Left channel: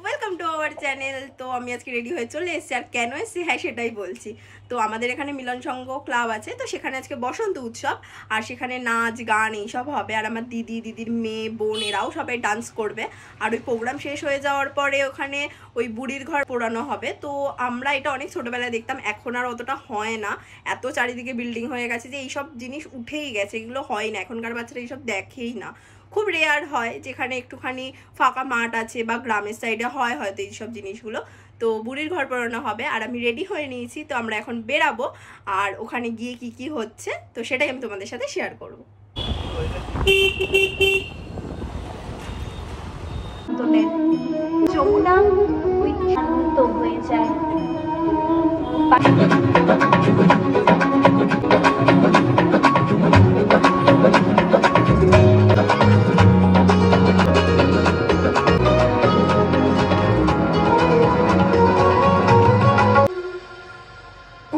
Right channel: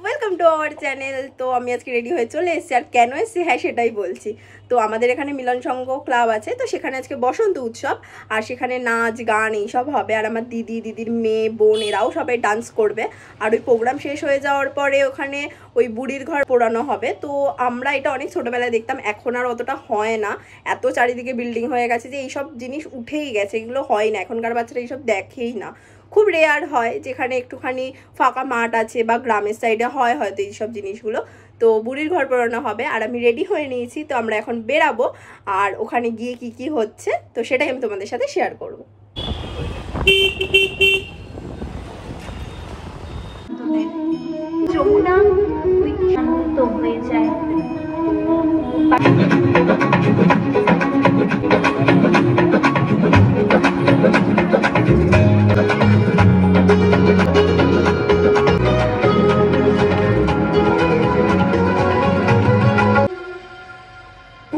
Welcome to our channel. তো আমি আজকে রেডি হয়ে চলে এসেছি, আর কেন এসেছি হ্যাঁ সেটাই বলছি। তো আমাদের এখানে মিলন সংঘ ক্লাব আছে, তো সেখানে আজকে বসন্ত উৎসব, আর সেখানে নাচ গান এইসব হবে। আর আমার দিদির মেয়ে বোন এরাও সবাই ডান্স করবে। আর ওই প্রোগ্রাম শেষ হয়ে যাওয়ার পরে ওখানে ওই বুড়ির ঘর পোড়ানো হবে। তো আমরা এটা অনেক ছোটবেলায় দেখতাম, এখন আর অতটা হয় না, এত চারিদিকে বিল্ডিং হয়ে গেছে যে এইসব জিনিস উঠেই গেছে, এগুলো হয় না, এখনকার বাচ্চারা এইসব দেখেই না। খুব রেয়ার হয়, যেখানে একটুখানি ফাঁকা মাঠ আছে বা গ্রামের সাইডে হয় হয়তো এইসব জিনিসগুলো। তো বুড়ির ঘর পোড়ানো হবে, আর আমি রেডি হয়ে নিয়েছি। তো আমরা এখন বেরাবো, আর ওখানে গিয়ে কি কি হচ্ছে তো সেটাই আমি তোমাদের সাথে শেয়ার করবো। যমুনা শান্ত হয়ে যায়।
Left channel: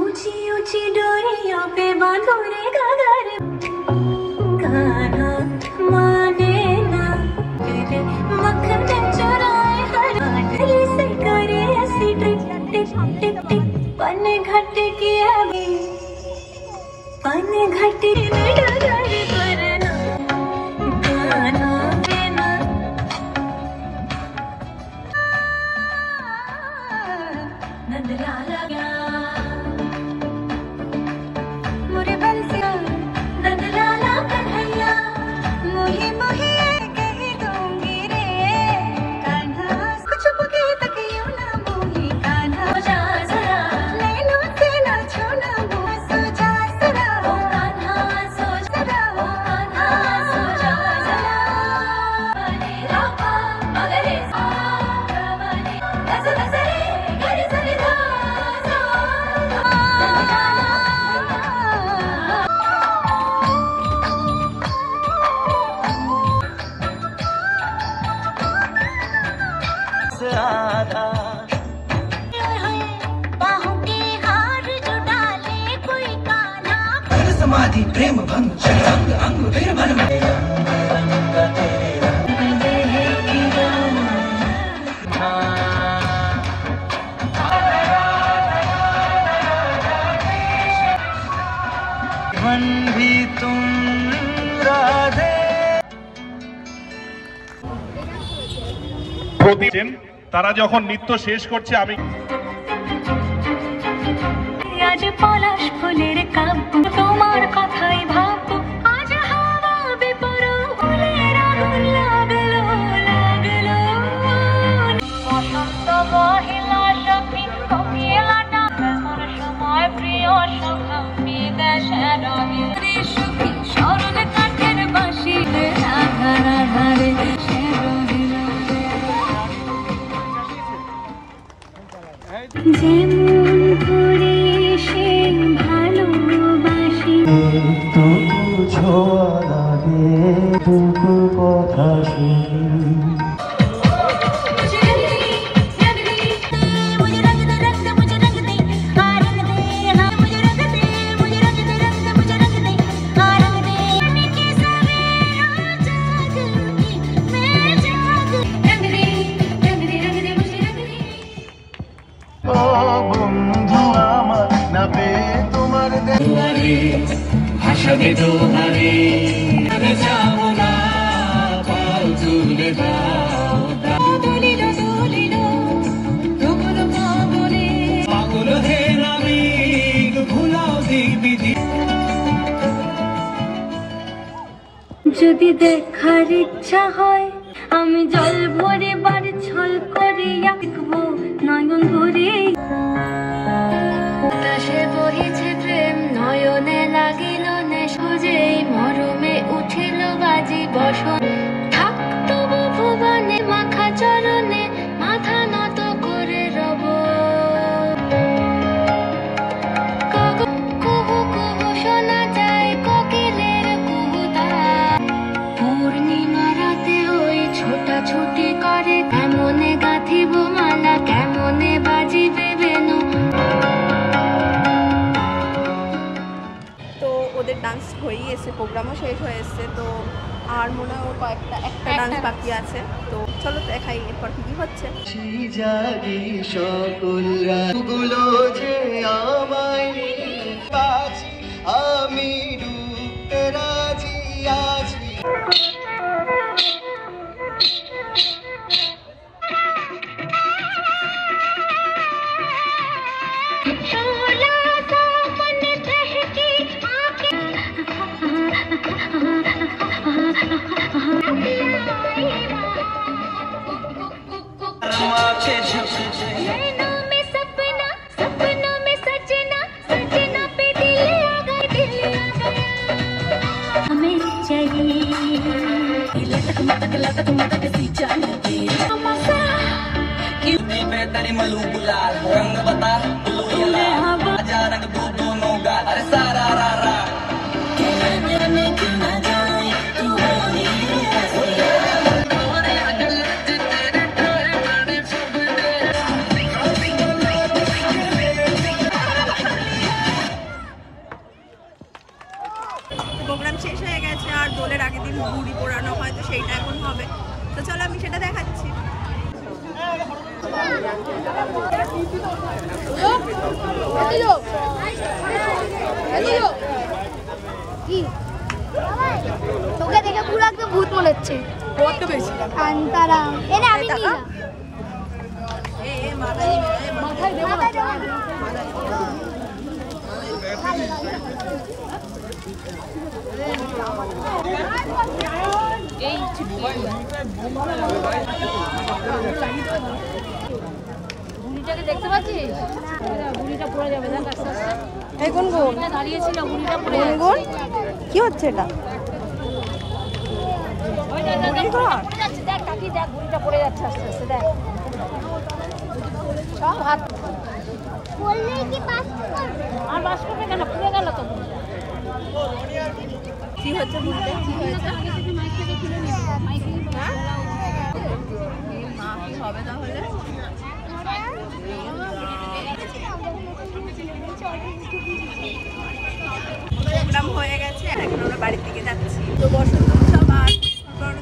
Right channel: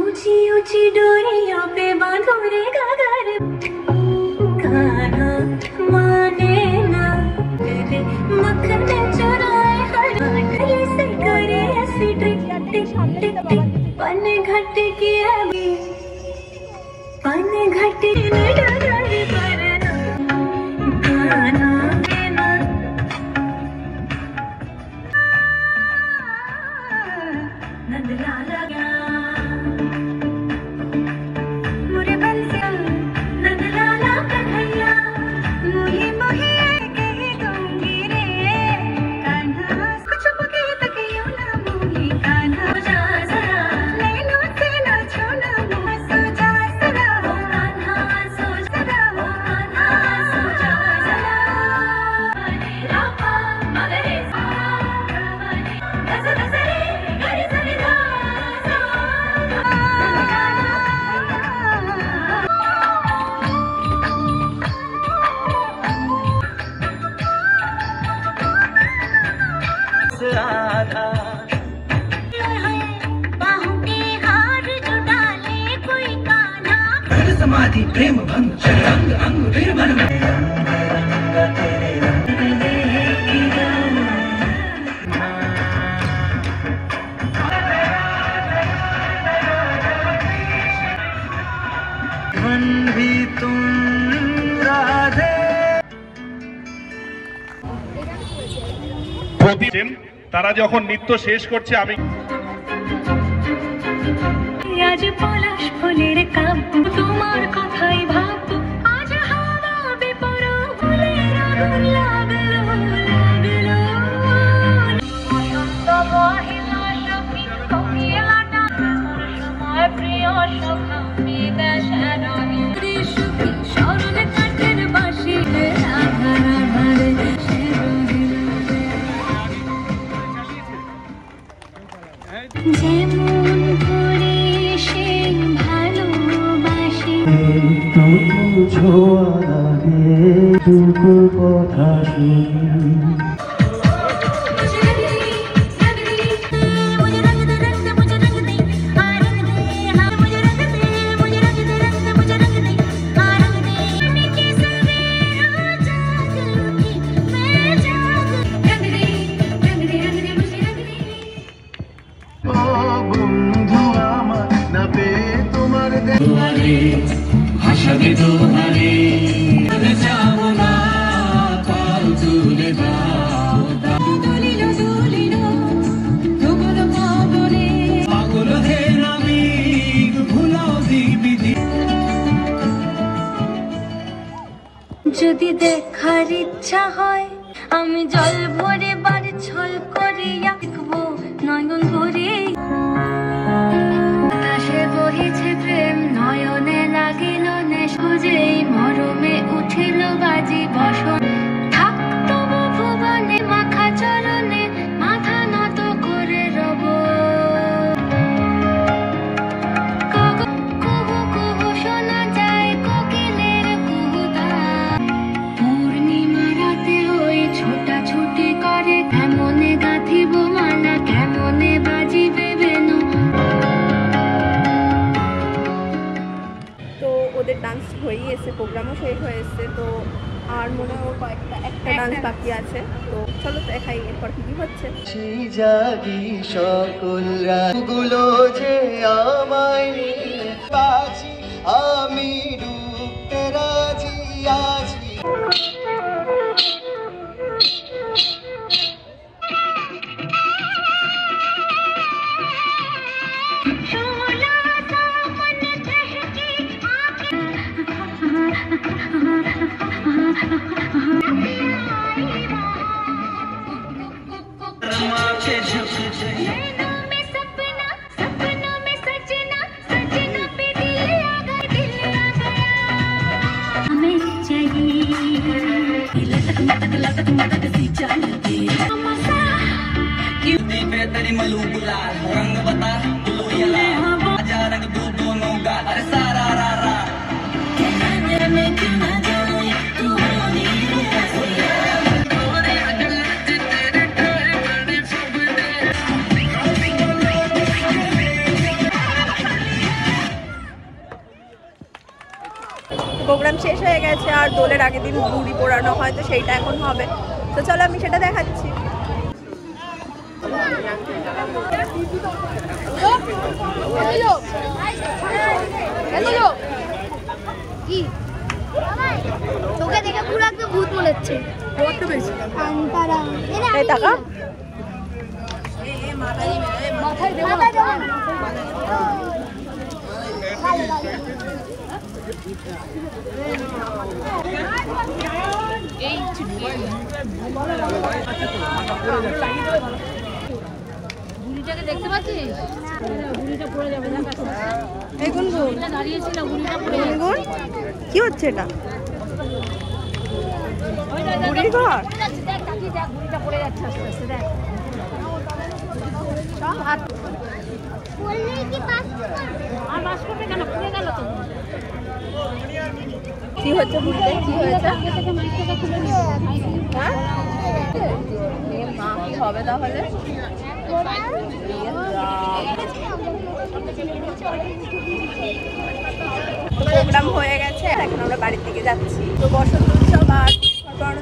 ऊंची ऊंची डोरियों पे बांधो रे गागर गाना माने ना तेरे मक्खन चुराए हर से करे ऐसी टिक टिक टिक टिक पन घट किया पन घट गाना देना नंदला लगा समाधि प्रेम भंग अंग अंग फिर मन में भी तुम राधे। তারা যখন নৃত্য শেষ করছে আমি আজ পলাশ ফুলের কাব্য তোমার কথাই ভাববো আজ হাওয়া বেপরোয়া ফুলের আগুন লাগলো লাগলো বসন্ত বহিলা সখী কোকিলাটা তোর সময় প্রিয় সখা বিদেশের আমি সুখী শরৎ কাঠের বাঁশি আধার আধারে ভাষাবে তোমারে যাব না কাল তুলে দাও দলিল দলিল তোমার পাগলে পাগল হে নামি ভুলাও দিবি যদি দেখার ইচ্ছা হয় আমি জল ভরে বার ছল করে আঁকবো নয়ন ভরে নয়নে লাগিল নে সুজেই মরমে উঠিল বাজি বসন থাকতো ভুবনে মাখা চরণে মাথা নত করে রব কুহু কুহু শোনা যায় কোকিলের কুহুতা পূর্ণিমা রাতে ওই ছোটাছুটি করে কেমনে গাঁথিব মালা প্রোগ্রামও শেষ হয়ে এসছে, তো আর মনে হয় একটা ডান্স বাকি আছে। তো চলো দেখাই এরপর কি কি হচ্ছে। জাগি সকল রাতগুলো যে আমায় বাঁচি, আমি ডুবতে রাজি আছি। প্রোগ্রাম শেষ হয়ে গেছে, আর দোলের আগের দিন বুড়ি পোড়ানো হয়, তো সেইটা এখন হবে। তো চলো আমি সেটা দেখাচ্ছি। তোকে দেখে পুরো একদম ভূত মনে হচ্ছে। কান্তারা এই টাকা বুড়িটাকে দেখতে পাচ্ছিস? বুড়িটা পড়ে যাবে না, দেখুন দাঁড়িয়েছি না, বুড়িটা পড়ে গুনগুন কি হচ্ছে এটা? বুড়ির ঘর? যাচ্ছে। দেখ কাকি, দেখ বুড়িটা পড়ে যাচ্ছে আস্তে আস্তে, দেখ। আর বাস করবে কেন? পড়ে গেল তো। কি হচ্ছে বুড়িতে? কি হয়েছে? হ্যাঁ এ মা, কি হবে তাহলে? প্রোগ্রাম হয়ে গেছে, এখন আমরা বাড়ির দিকে যাচ্ছি। তো বসন্ত উৎসব আর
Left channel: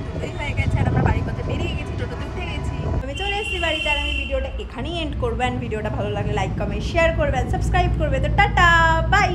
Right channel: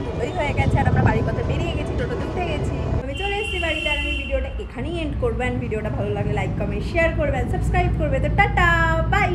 দুটোই হয়ে গেছে, আর আমরা বাড়ির পথে বেরিয়ে গেছি, টোটোতে উঠে গেছি। আমি চলে এসেছি বাড়িতে, আর আমি ভিডিওটা এখানেই এন্ড করবো। ভিডিওটা ভালো লাগলে লাইক কমেন্ট শেয়ার করবেন, সাবস্ক্রাইব করবে। তো টাটা, বাই।